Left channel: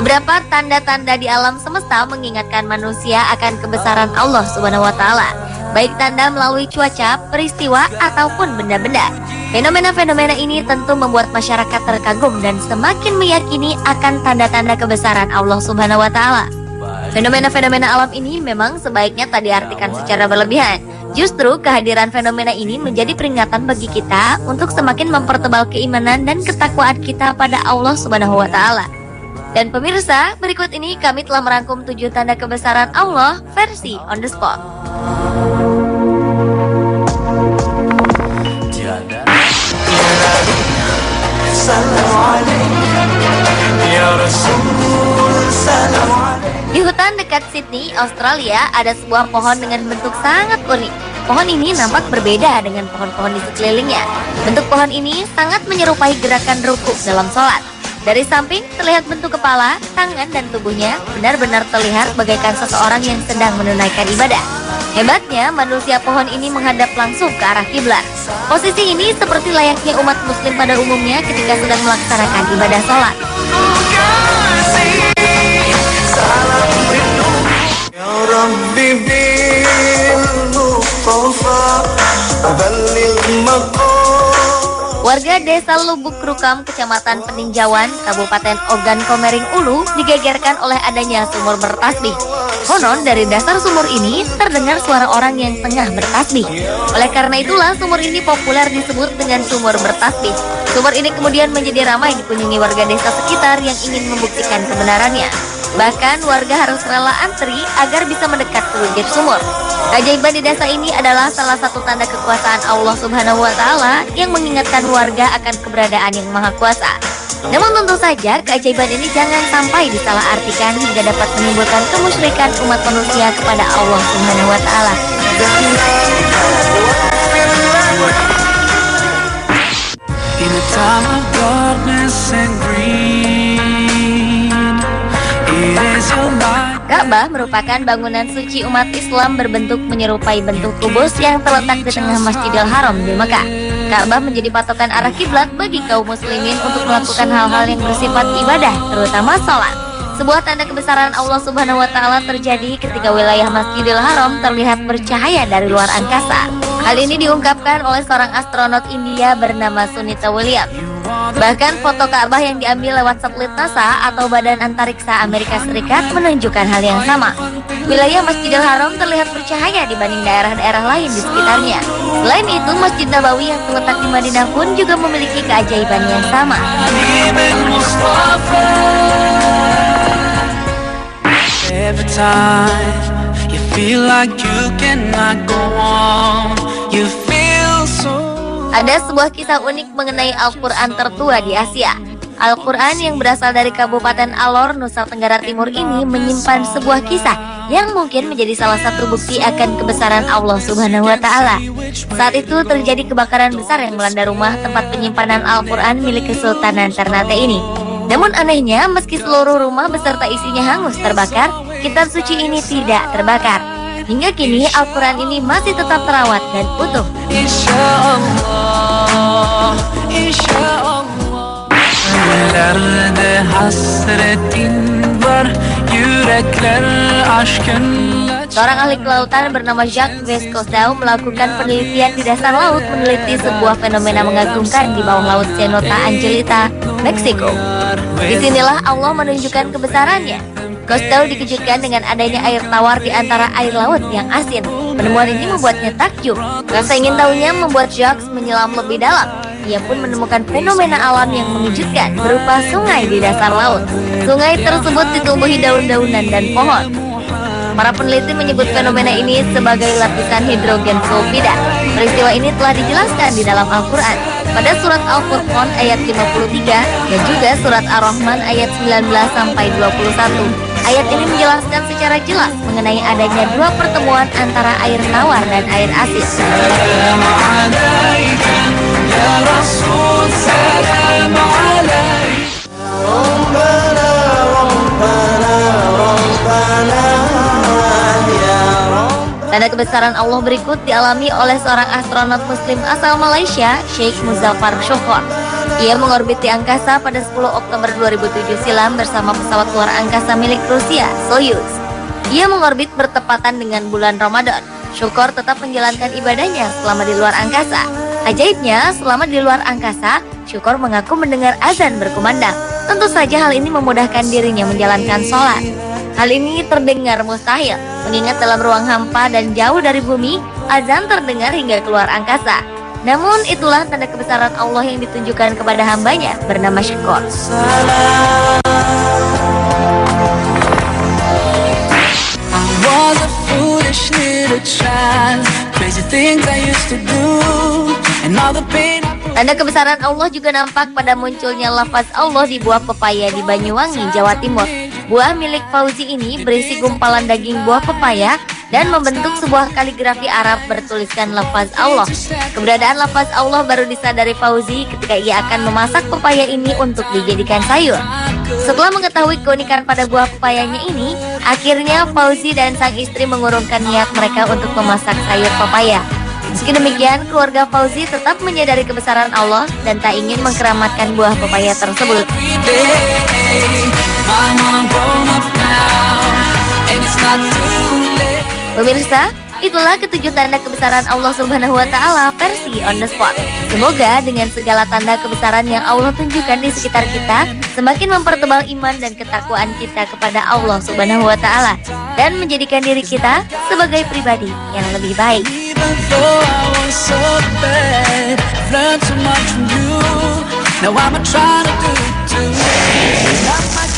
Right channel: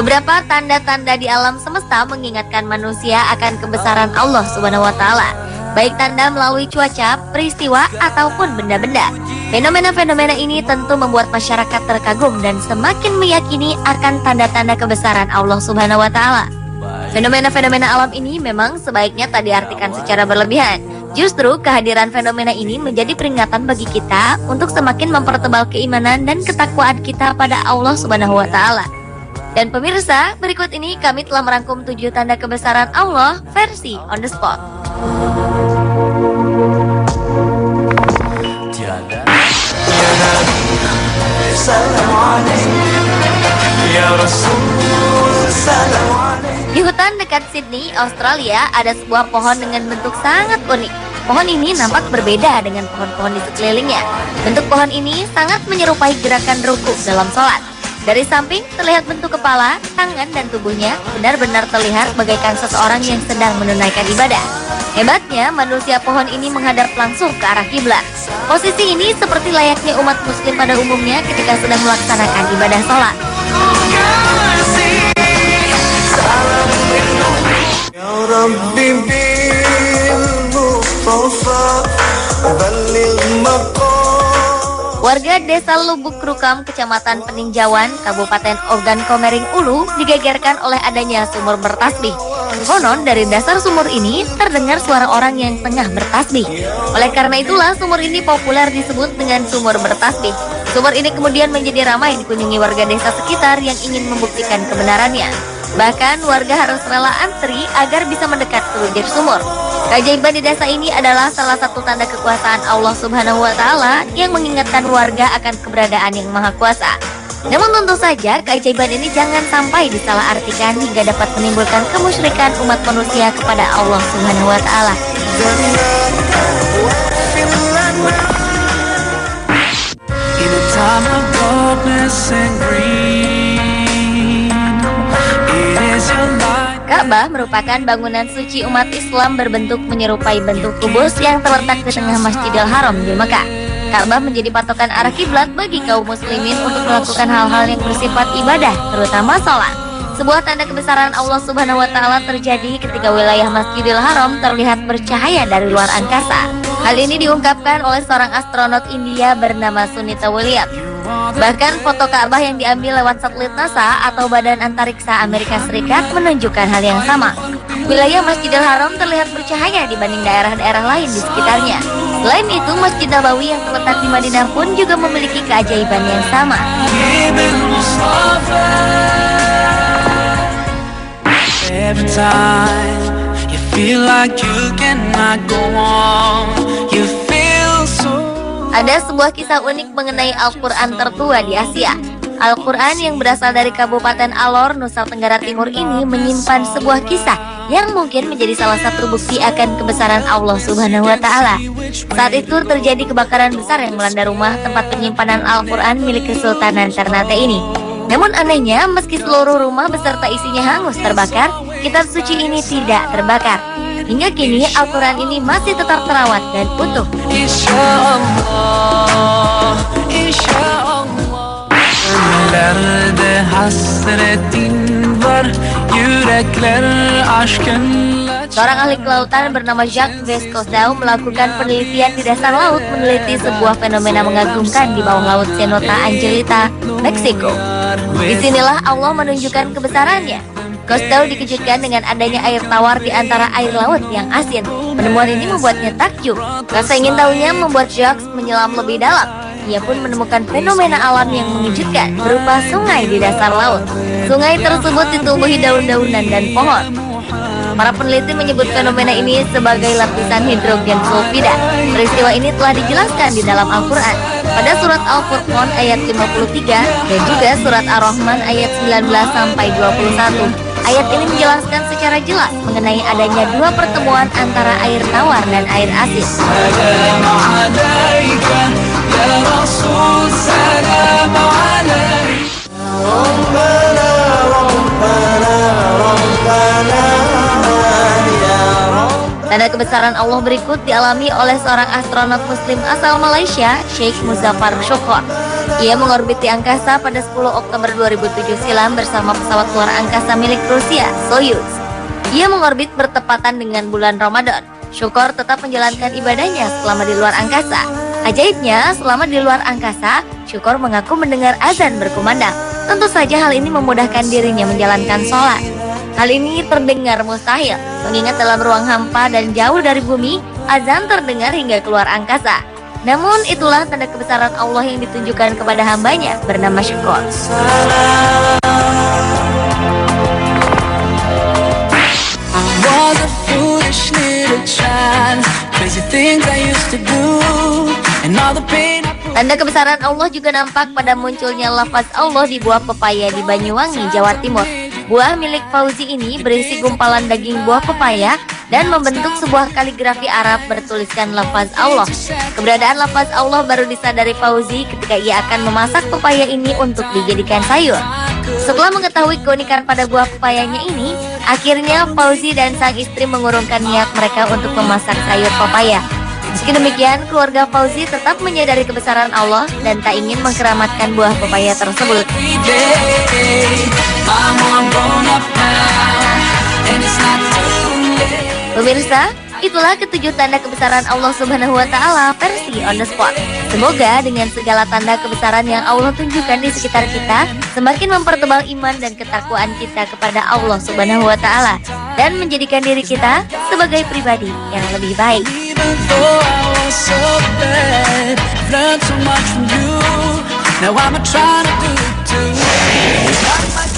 Beberapa tanda-tanda di alam semesta mengingatkan manusia akan kebesaran Allah Subhanahu wa taala, baik tanda melalui cuaca, peristiwa ataupun benda-benda. Fenomena-fenomena ini tentu membuat masyarakat terkagum dan semakin meyakini akan tanda-tanda kebesaran Allah Subhanahu wa taala. Fenomena-fenomena alam ini memang sebaiknya tak diartikan secara berlebihan. Justru kehadiran fenomena ini menjadi peringatan bagi kita untuk semakin mempertebal keimanan dan ketakwaan kita pada Allah Subhanahu wa taala. Dan pemirsa, berikut ini kami telah merangkum 7 tanda kebesaran Allah versi on the spot. Di hutan dekat Sydney, Australia, ada sebuah pohon dengan bentuk sangat unik. Pohon ini nampak berbeda dengan pohon-pohon di sekelilingnya. Bentuk pohon ini sangat menyerupai gerakan rukuk dalam sholat. Dari samping terlihat bentuk kepala, tangan, dan tubuhnya benar-benar terlihat bagaikan seseorang yang sedang menunaikan ibadah. Hebatnya, manusia pohon ini menghadap langsung ke arah kiblat. Posisi ini seperti layaknya umat muslim pada umumnya ketika sedang melaksanakan ibadah sholat. Warga desa Lubuk Rukam, Kecamatan Peninjauan, Kabupaten Ogan Komering Ulu digegerkan oleh adanya sumur bertasbih. Konon dari dasar sumur ini terdengar suara orang yang tengah bertasbih. Oleh karena itulah sumur ini populer disebut dengan sumur bertasbih. Sumur ini kemudian menjadi ramai dikunjungi warga desa sekitar yang ingin membuktikan kebenarannya. Bahkan warga harus rela antri agar bisa mendekat ke bibir sumur. Keajaiban di desa ini adalah salah satu tanda kekuasaan Allah Subhanahu wa taala yang mengingatkan warga akan keberadaan yang Maha Kuasa. Namun tentu saja keajaiban ini jangan sampai disalahartikan hingga dapat menimbulkan kemusyrikan umat manusia kepada Allah Subhanahu wa taala. Ka'bah merupakan bangunan suci umat Islam berbentuk menyerupai bentuk kubus yang terletak di tengah Masjidil Haram di Mekah. Ka'bah menjadi patokan arah kiblat bagi kaum muslimin untuk melakukan hal-hal yang bersifat ibadah, terutama sholat. Sebuah tanda kebesaran Allah Subhanahu wa taala terjadi ketika wilayah Masjidil Haram terlihat bercahaya dari luar angkasa. Hal ini diungkapkan oleh seorang astronot India bernama Sunita Williams. Bahkan foto Ka'bah yang diambil lewat satelit NASA atau Badan Antariksa Amerika Serikat menunjukkan hal yang sama. Wilayah Masjidil Haram terlihat bercahaya dibanding daerah-daerah lain di sekitarnya. Selain itu, Masjid Nabawi yang terletak di Madinah pun juga memiliki keajaiban yang sama. Every time you feel like you cannot go on, you feel so. Ada sebuah kisah unik mengenai Al-Quran tertua di Asia. Al-Quran yang berasal dari Kabupaten Alor, Nusa Tenggara Timur ini menyimpan sebuah kisah yang mungkin menjadi salah satu bukti akan kebesaran Allah Subhanahu wa taala. Saat itu terjadi kebakaran besar yang melanda rumah tempat penyimpanan Al-Quran milik Kesultanan Ternate ini. Namun anehnya, meski seluruh rumah beserta isinya hangus terbakar, kitab suci ini tidak terbakar. Hingga kini Al-Quran ini masih tetap terawat dan utuh. Seorang ahli kelautan bernama Jacques Voscoe melakukan penelitian di dasar laut meneliti sebuah fenomena mengagumkan di bawah laut Cenote Angelita, Meksiko. Disinilah Allah menunjukkan kebesarannya. Cousteau dikejutkan dengan adanya air tawar di antara air laut yang asin. Penemuan ini membuatnya takjub. Rasa ingin tahunya membuat Jacques menyelam lebih dalam. Ia pun menemukan fenomena alam yang mengejutkan berupa sungai di dasar laut. Sungai tersebut ditubuhi daun-daunan dan pohon. Para peneliti menyebut fenomena ini sebagai lapisan hidrogen sulfida. Peristiwa ini telah dijelaskan di dalam Al-Quran. Pada surat Al-Furqan ayat 53 dan juga surat Ar-Rahman ayat 19-21. Ayat ini menjelaskan secara jelas mengenai adanya dua pertemuan antara air tawar dan air asin. Tanda kebesaran Allah berikut dialami oleh seorang astronot muslim asal Malaysia, Sheikh Muzaffar Syukur. Ia mengorbit di angkasa pada 10 Oktober 2007 silam bersama pesawat luar angkasa milik Rusia, Soyuz. Ia mengorbit bertepatan dengan bulan Ramadan. Syukor tetap menjalankan ibadahnya selama di luar angkasa. Ajaibnya, selama di luar angkasa, Syukor mengaku mendengar azan berkumandang. Tentu saja hal ini memudahkan dirinya menjalankan sholat. Hal ini terdengar mustahil, mengingat dalam ruang hampa dan jauh dari bumi, azan terdengar hingga keluar angkasa. Namun itulah tanda kebesaran Allah yang ditunjukkan kepada hambanya bernama Syukor. Tanda kebesaran Allah juga nampak pada munculnya lafaz Allah di buah pepaya di Banyuwangi, Jawa Timur. Buah milik Fauzi ini berisi gumpalan daging buah pepaya dan membentuk sebuah kaligrafi Arab bertuliskan lafaz Allah. Keberadaan lafaz Allah baru disadari Fauzi ketika ia akan memasak pepaya ini untuk dijadikan sayur. Setelah mengetahui keunikan pada buah pepayanya ini, akhirnya Fauzi dan sang istri mengurungkan niat mereka untuk memasak sayur pepaya. Meski demikian, keluarga Fauzi tetap menyadari kebesaran Allah dan tak ingin mengkeramatkan buah pepaya tersebut. Pemirsa, itulah ketujuh tanda kebesaran Allah Subhanahu wa Ta'ala versi on the spot. Semoga dengan segala tanda kebesaran yang Allah tunjukkan di sekitar kita, semakin mempertebal iman dan ketakwaan kita kepada Allah Subhanahu wa Ta'ala dan menjadikan diri kita sebagai pribadi yang lebih baik. Now I'm trying to do it too.